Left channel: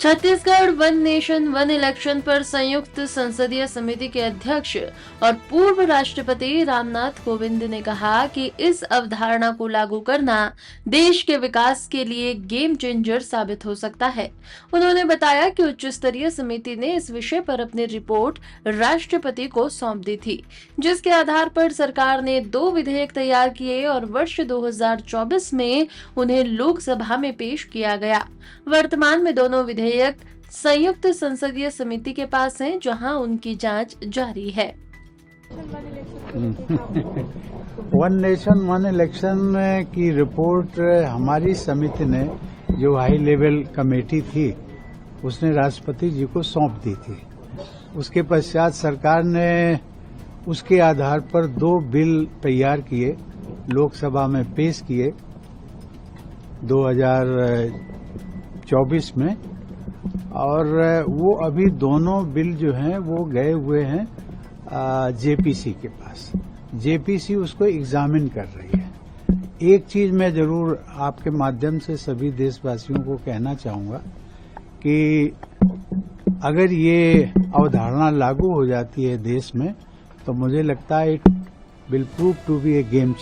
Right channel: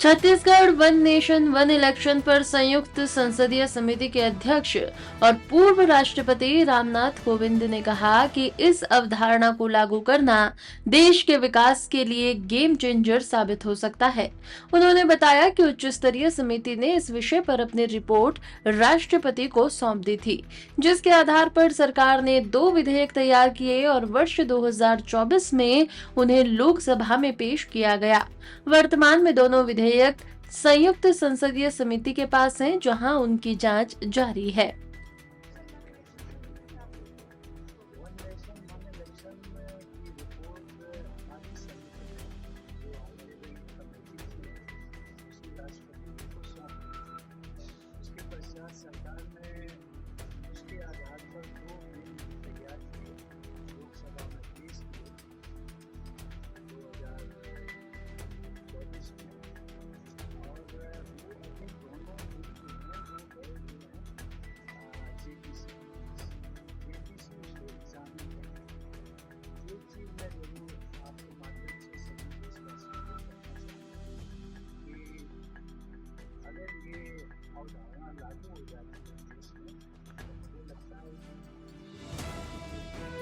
Chhattisgarh one nation one election पर संयुक्त संसदीय समिति के अध्यक्ष और पूर्व राष्ट्रपति रामनाथ कोविंद ने कहा कि इस अवधारणा को लागू करना देश के विकास के लिए गेम चेंजर साबित हो सकता है। उन्होंने बताया कि उच्च स्तरीय समिति ने इस विषय पर अपनी रिपोर्ट राष्ट्रपति को सौंप दी थी, जिसके आधार पर सरकार ने 2 विधेयक तैयार किए और वर्ष 2024 में उन्हें लोकसभा में पेश किया गया। वर्तमान में दोनों विधेयक संयुक्त संसदीय समिति के पास हैं, जहां उनकी जांच जारी है। वन नेशन वन इलेक्शन की रिपोर्ट हमारी समिति ने, जो हाई लेवल कमेटी थी, उसने राष्ट्रपति जी को सौंप दी थी। उसके पश्चात सरकार ने उसके आधार पर 2 बिल तैयार किए, लोकसभा में पेश किए 2024 में, और वो अभी दोनों बिल जो हैं वो गए हुए हैं जेपीसी के पास। जेपीसी उसको एग्जामिन कर रही है। एक चीज मैं जरूर आपके माध्यम से सभी देशवासियों को कहना चाहूंगा कि अगर ये अवधारणा लागू हो जाती है देश में, तो मुझे लगता है it will prove to be a game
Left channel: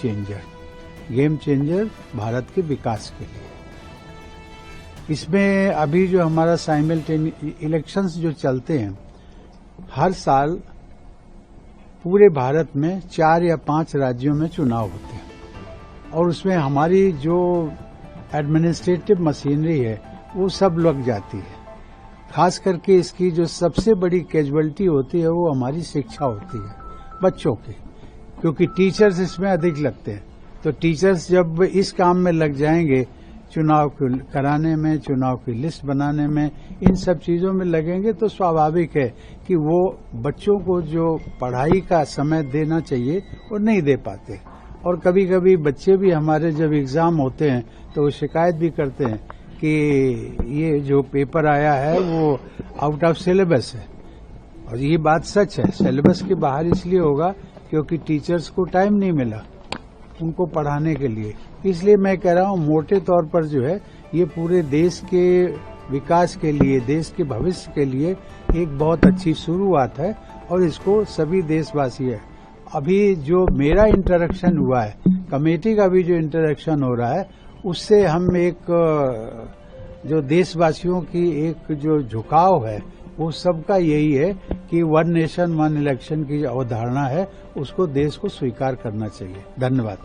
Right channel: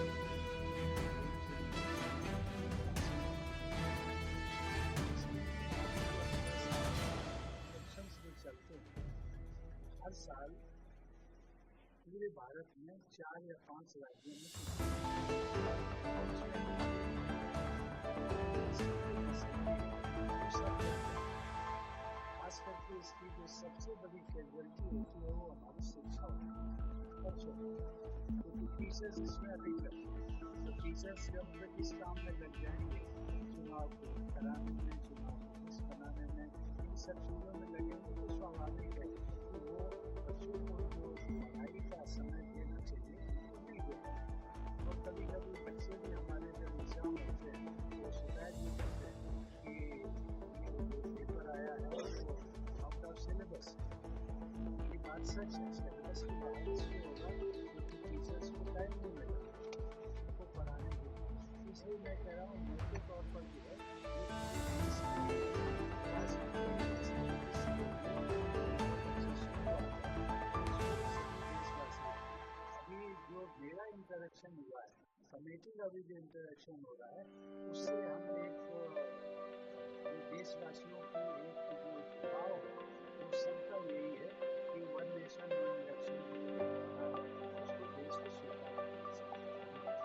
changer Bharat के विकास के लिए। इसमें अभी जो हमारा साइमल्टेनियस इलेक्शंस जो चलते हैं, हर साल पूरे भारत में 4 या 5 राज्यों में चुनाव होते हैं, और उसमें हमारी जो एडमिनिस्ट्रेटिव मशीनरी है वो सब लग जाती है। खास करके इसकी जो सबसे बड़ी कैजुअलिटी होती है वो हमारी शिक्षा होती है, बच्चों की, क्योंकि टीचर्स इसमें अधिक लगते हैं। तो टीचर्स जब इस काम में लग जाएंगे, चुनाव कराने में, चुनाव की लिस्ट बनाने में, इन सब चीजों में लगेंगे, तो स्वाभाविक है कि वो बच्चों को जो पढ़ाई का समय देना चाहिए वो नहीं दे पाते। और कभी कभी बच्चे भी हमारे जब एग्जाम होते हैं तो वो शिकायत भी करते हैं कि ये जो पेपर आया है वो आउट ऑफ सिलेबस है, और ये बात सच है। सिलेबस के बाहर इसलिए होगा क्योंकि टीचर्स को टाइम नहीं मिला उनको पढ़ाने के लिए। इसलिए मैं कह रहा हूँ मोटे तौर पर जो है ये पूरे देश के विकास के लिए, देश के भविष्य के लिए एक बहुत अच्छी शुरुआत है, और इसको सभी देशवासी है। अभी जो मेरा इंटरेक्शन हुआ है, कमेटी का भी जो इंटरेक्शन हो रहा है, उससे हम एक जो देशवासियों की एक जो झुकाव है वो सबका यही है कि वन नेशन वन इलेक्शन की जो अवधारणा है उसको देश को स्वीकार करना चाहिए। धन्यवाद।